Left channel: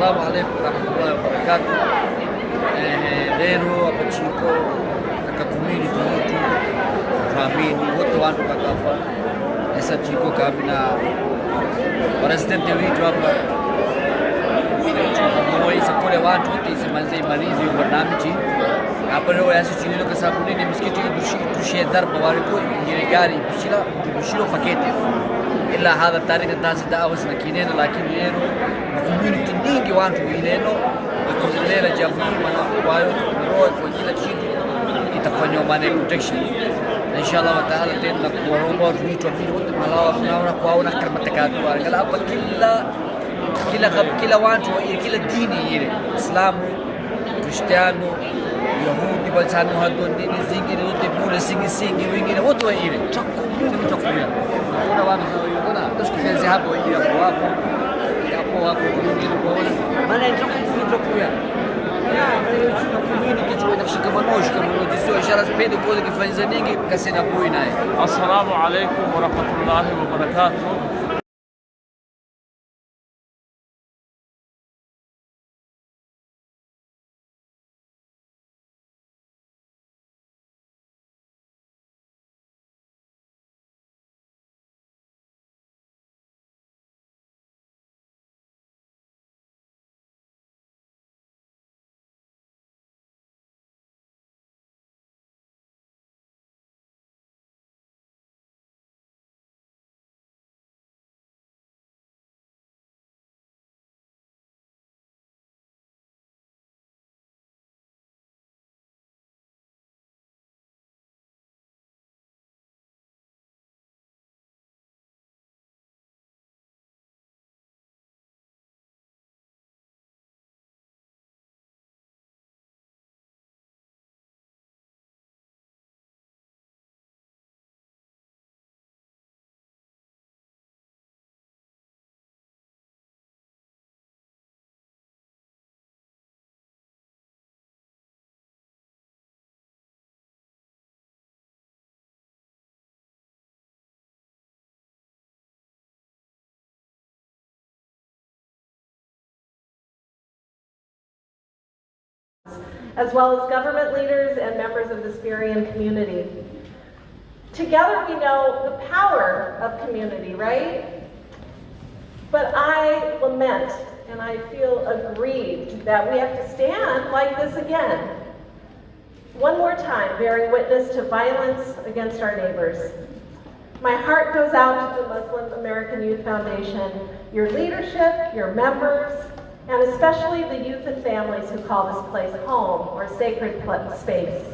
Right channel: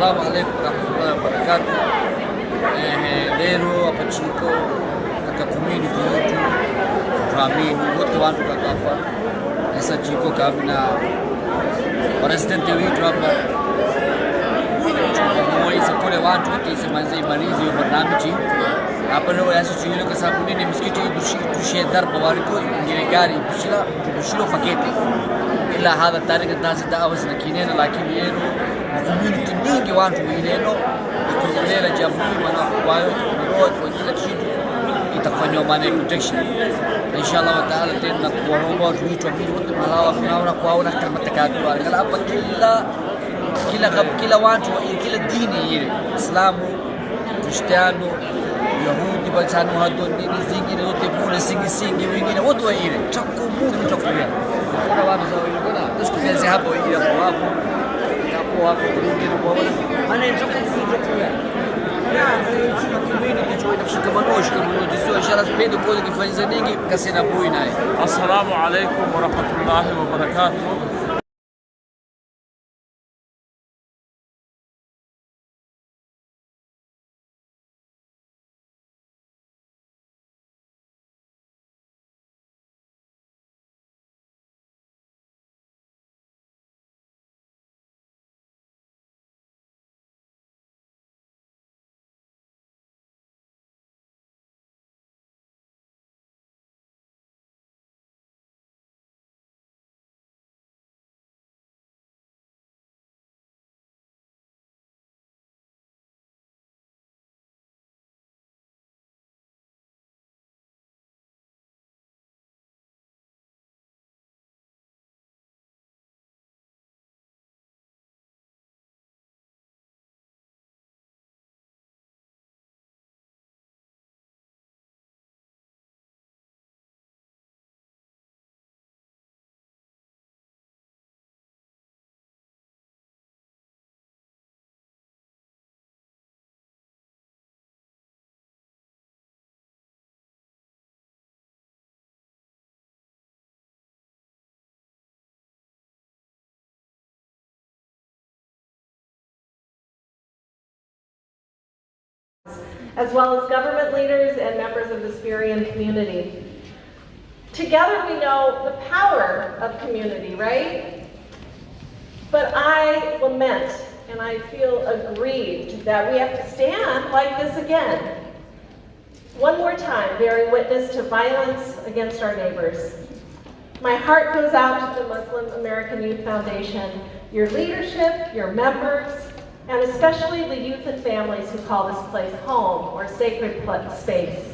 Assalamu alaikum warahmatullahi wabarakatuh. Leo hapa Chiko katika community yetu tunaamini wote watu hapa sasa Chiko kabla president wetu hapa moyo kule watu wote isemanze imalizi hiyo barnamiji hapa leo yasi chini kwa sababu nini msikiti tushie darba waliko ngine gari bishilo fakete ila hadha tarika tasi dawa zinakinena lakini leo community nyingi watu ileno ikozelela jamii wanakubayo roho kwa kila kitu itafanywa maana protection na inshallah wa taala tena kuwaomba watu wetu wote malawa kunaona kwaona kama takatu wala hapa kila watu kila dini ile Islamu Kristiano Yahudi balsano hado dini zingine zote kule singi wengine wote wa ile chakumuni mtakuwa tusikize hapo ile hapo hapo maana Assalamu alaikum wa rahmatullahi wa barakatuh. As well as government leaders and members of the Syrian community. Together we know the power of community, right? But I lament and I feel aggrieved that we have to stand like this again. One more time, bearing witness to violence against our neighbors. My heart goes out to the Muslim American Youth Foundation, your leadership, your members, and especially the youth and families who call this place home or sacred space.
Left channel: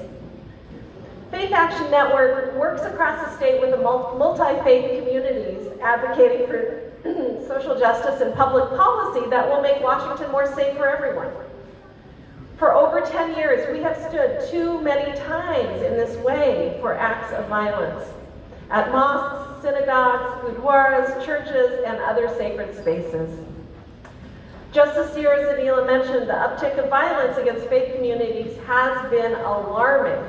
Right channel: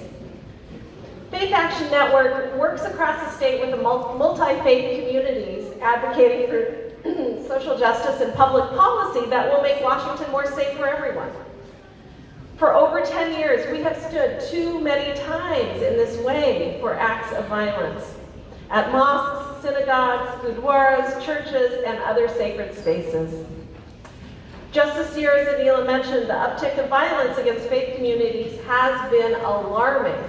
Faith Action Network works across the state with the multi-faith communities advocating for social justice and public policy that will make Washington more safe for everyone. For over 10 years, we have stood too many times in this way for acts of violence at mosques, synagogues, gurdwaras, churches, and other sacred spaces. Just this year, as Adila mentioned, the uptick of violence against faith communities has been alarming.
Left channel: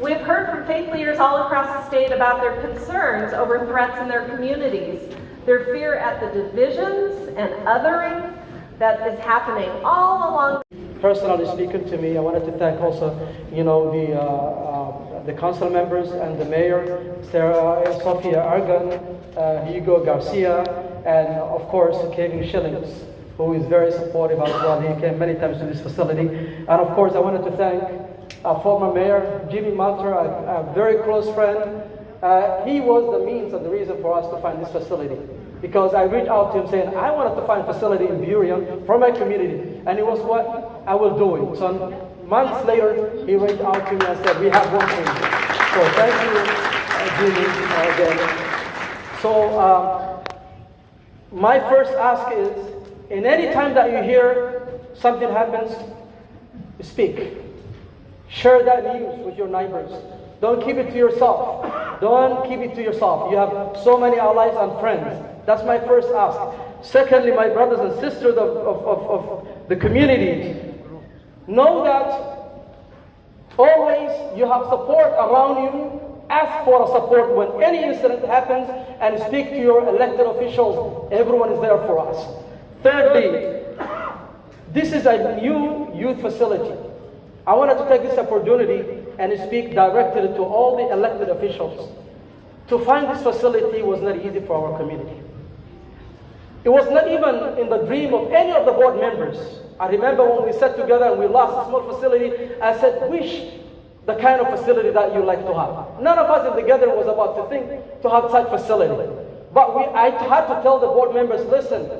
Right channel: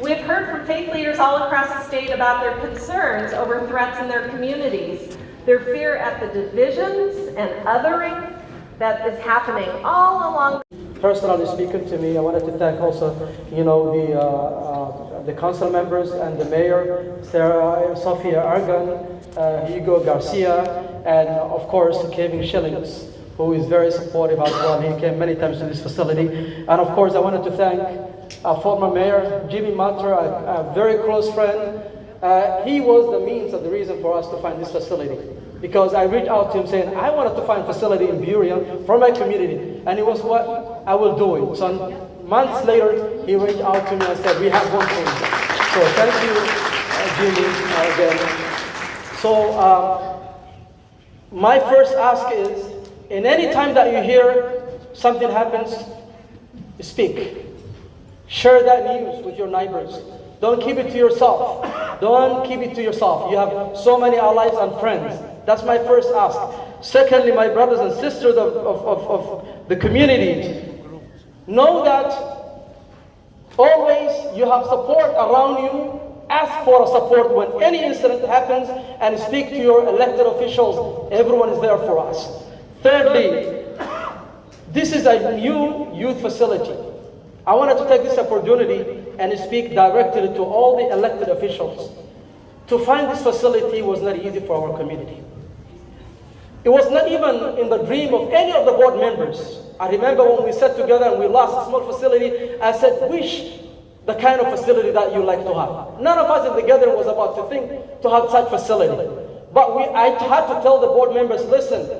We've heard from faith leaders all across the state about their concerns over threats in their communities, their fear at the divisions and othering that is happening all along. Personally speaking to me, I wanted to thank also, the council members and the mayor, Sarah, Sofia Argan, Hugo Garcia, and of course Kevin Schillings, who is very supportive as well. He came many times to this facility. And of course I wanted to thank our former mayor, Jimmy Matra, a very close friend. He was the means and the reason for us to find this facility. Because I reached out to him saying, I wanted to find a facility in Burien for my community. And it was what I will do it. So months later, he reached out to me and said, we have one for you. So thank you, Jimmy, again. So my first ask is, in any time that you hear something happens, speak. Share that news with your neighbors. Don't keep it to yourself. Don't keep it to yourself. You have so many allies and friends. That's my first ask. Secondly, my brothers and sisters of the community, know that always you have support around you. Ask for support when any incident happens and speak to your elected officials. Everyone is there for us. Thirdly, this is a new youth facility. I wanted to take this opportunity and speak directly to all the elected officials. To find this facility was not easy for our community. It was not even in the dream of any of the board members. I remember when we sat together and we lost a small facility, I said, wish the kind of facility that you like to have. None of us in the gathering was about to think to have such facility. But I had to tell the board members, listen,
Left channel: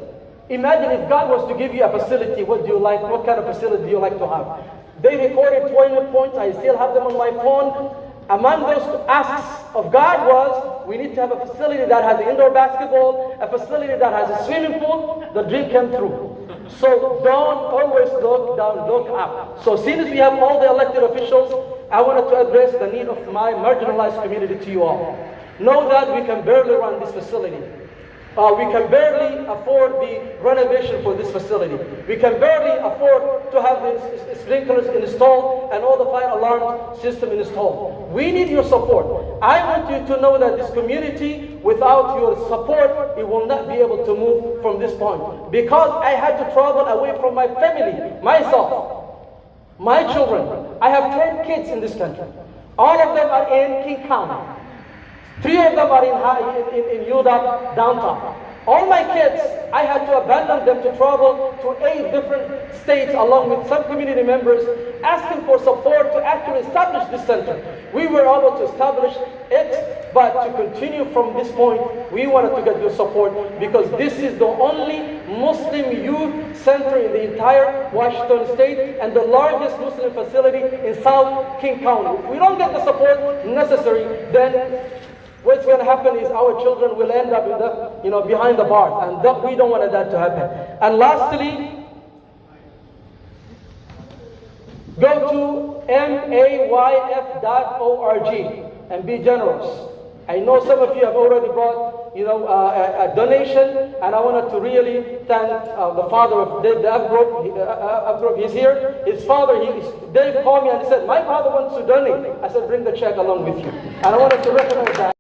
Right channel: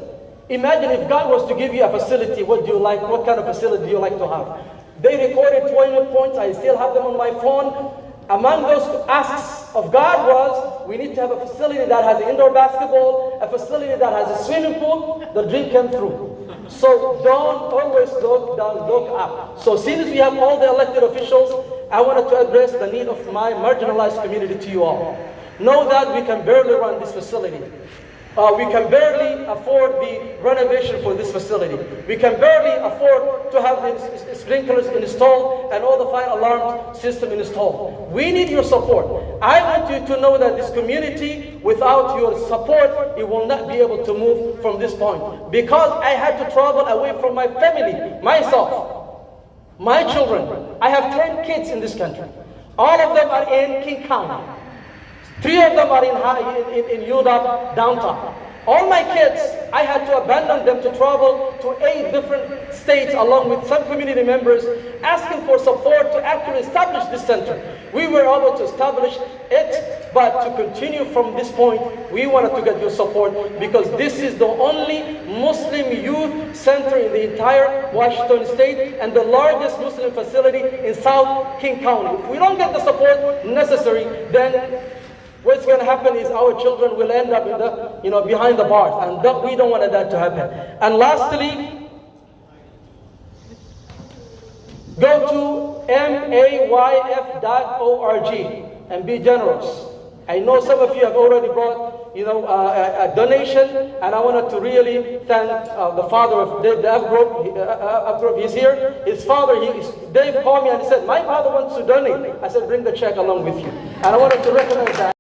imagine if God was to give you a facility, what do you like? What kind of facility do you like to have? They recorded 20 points, I still have them on my phone. Among those asks of God was, we need to have a facility that has indoor basketball, a facility that has a swimming pool. The dream came through. So don't always look down, look up. So since we have all the elected officials, I wanted to address the need of my marginalized community to you all. Know that we can barely run this facility. We can barely afford the renovation for this facility. We can barely afford to have the sprinklers installed and all the fire alarm system installed. We need your support. I want you to know that this community, without your support, it will not be able to move from this point. Because I had to travel away from my family, myself, my children. I have 10 kids in this country. All of them are in King County. 3 of them are in UDAP downtown. All my kids, I had to abandon them to travel to 8 different states along with some community members asking for support to actually establish this center. We were able to establish it, but to continue from this point, we wanted to get your support because this is the only Muslim youth center in the entire Washington state and the largest Muslim facility in South King County. If we don't get the support necessary, then what's going to happen is our children will end up in the, behind the bars, and we don't want that to happen. And lastly, go to mayf.org and be generous. I know some of you have already brought, a donation, and I wanted to really thank the father of the F group. He's here. His father, Dave called me and said, my father wants to donate. I said, bring the check along with you. And I wanted to recognize that.